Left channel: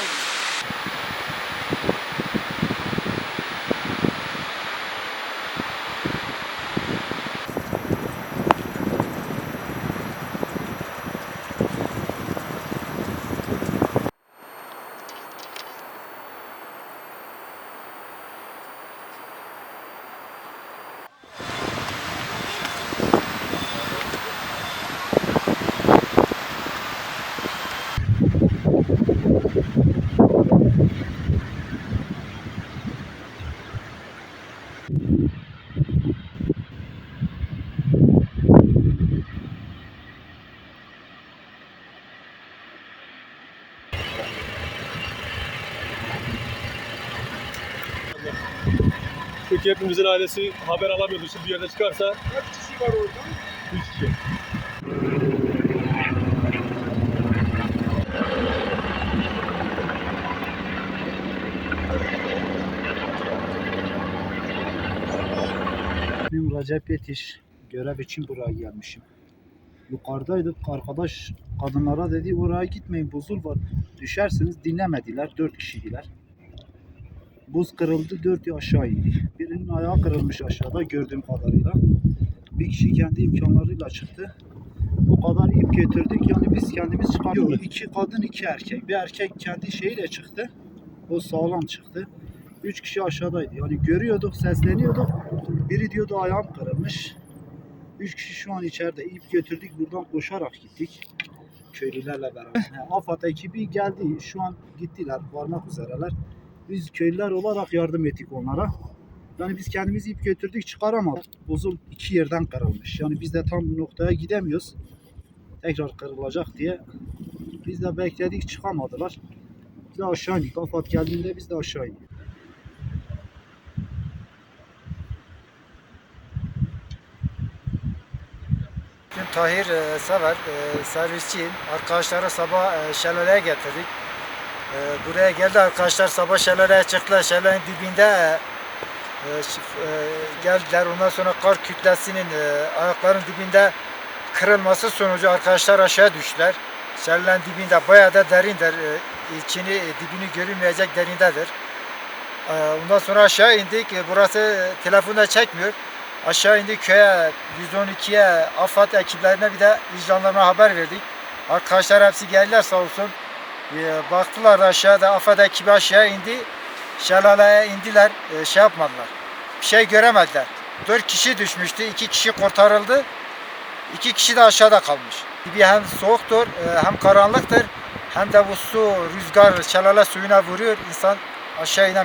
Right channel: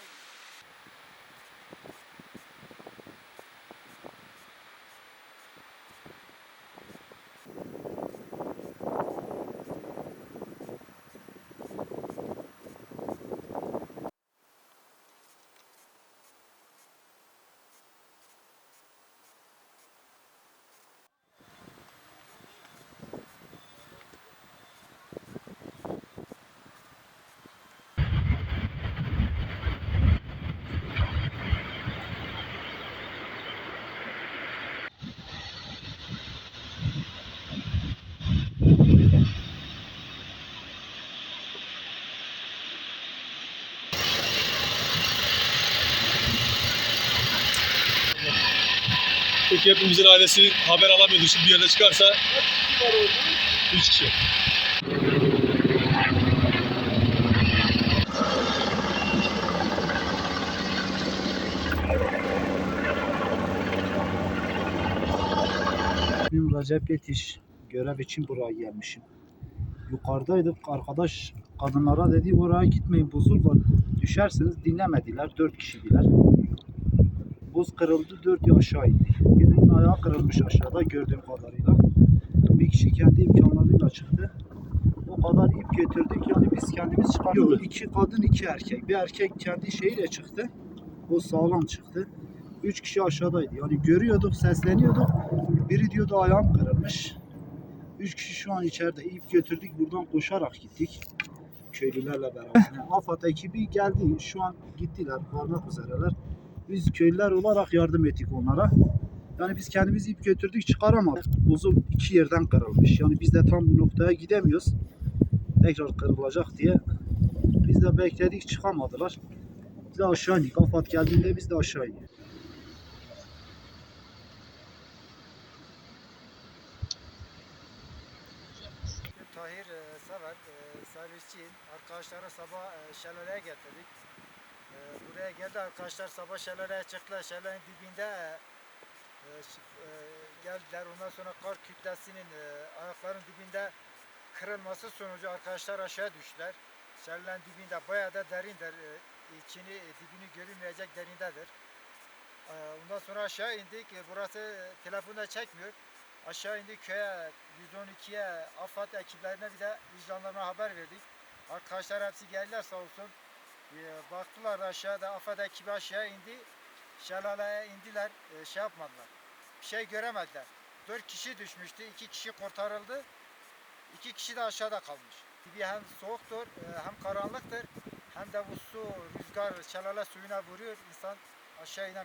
Jones. Peki hepimizin ailesi haber alamıyordu. Şimdi bir yerde çıkarsa Üç kişi. İsmim Recep Yetiş. Görev için buraya gelmişim. Yukarıdaydık. Arkadaş kadınlara dedi oraya gitmeyin buzul var. Düşersiniz dinlemediler. Dört kişiydiler. Buz kırıldı. Dört aşağı indi. Birinin ayağı kırılmış aşağıda gördüğüm kadarıyla. Bir kişi kendi imkanlarıyla çıktı. O kadar ip getirdik. Yani biz kendimiz çıkarıyoruz. İki kadın iki erkek. Bir erkek kendi şeyiyle çıktı. O sağlam çıktı. Üç kişi aşağıdaydı. Yani görüyorduk, sesleniyorduk. Biri diyordu ayağım kırılmış. Üç kişi şu an içeride. İp götürdük buradan koşarak gittik. Köylülerle beraber. Yani AFAD ekibi geldi. Şu an gittiler. Varmak üzereler. Biz köylüler olarak yardım ettik onlara. Yani biz kendimiz ip götürdük çıkaramadık. Buzul iki yerden kırılmış. Yani biz de tam bu noktaya gidemiyoruz. Tekrar kırılacak diye. Biz de bekledik çıkamadılar. Biz de aşağı indik. AFAD geldiğinde biz de aşağı indik. Tahir e, Sever, e, servisçiyim. Arkadaşları sabah e, şelaleye getirdik. E, buraya geldi arkadaşlar sabah şelaleye çıktılar. Şelalenin dibinde e, e, e, geldiler. Ondan sonra kar kütlesinin e, ayakların dibinde kırılması sonucu arkadaşlar aşağı düştüler. Şelalenin dibinde bayağı da derindir. E, içini, e, dibini görünmeyecek derindedir. E, ondan sonra aşağı indik. E, burası e, telefonda çekmiyor. Aşağı indik köye 112'ye AFAD ekiplerine bir de vicdanlarına haber verdik. Arkadaşlar hepsi geldiler sağ olsun. Ee, baktılar da aşağıda AFAD ekibi aşağı indi. Şelaleye indiler. Ee, şey yapmadılar. Bir şey göremediler. Dört kişi düşmüştü. iki kişi kurtarıldı. İki kişi de aşağıda kalmış. Bir hem soğuktur e, hem karanlıktır. Hem de bu su, rüzgar şelale suyuna vuruyor. İnsan aşağı inen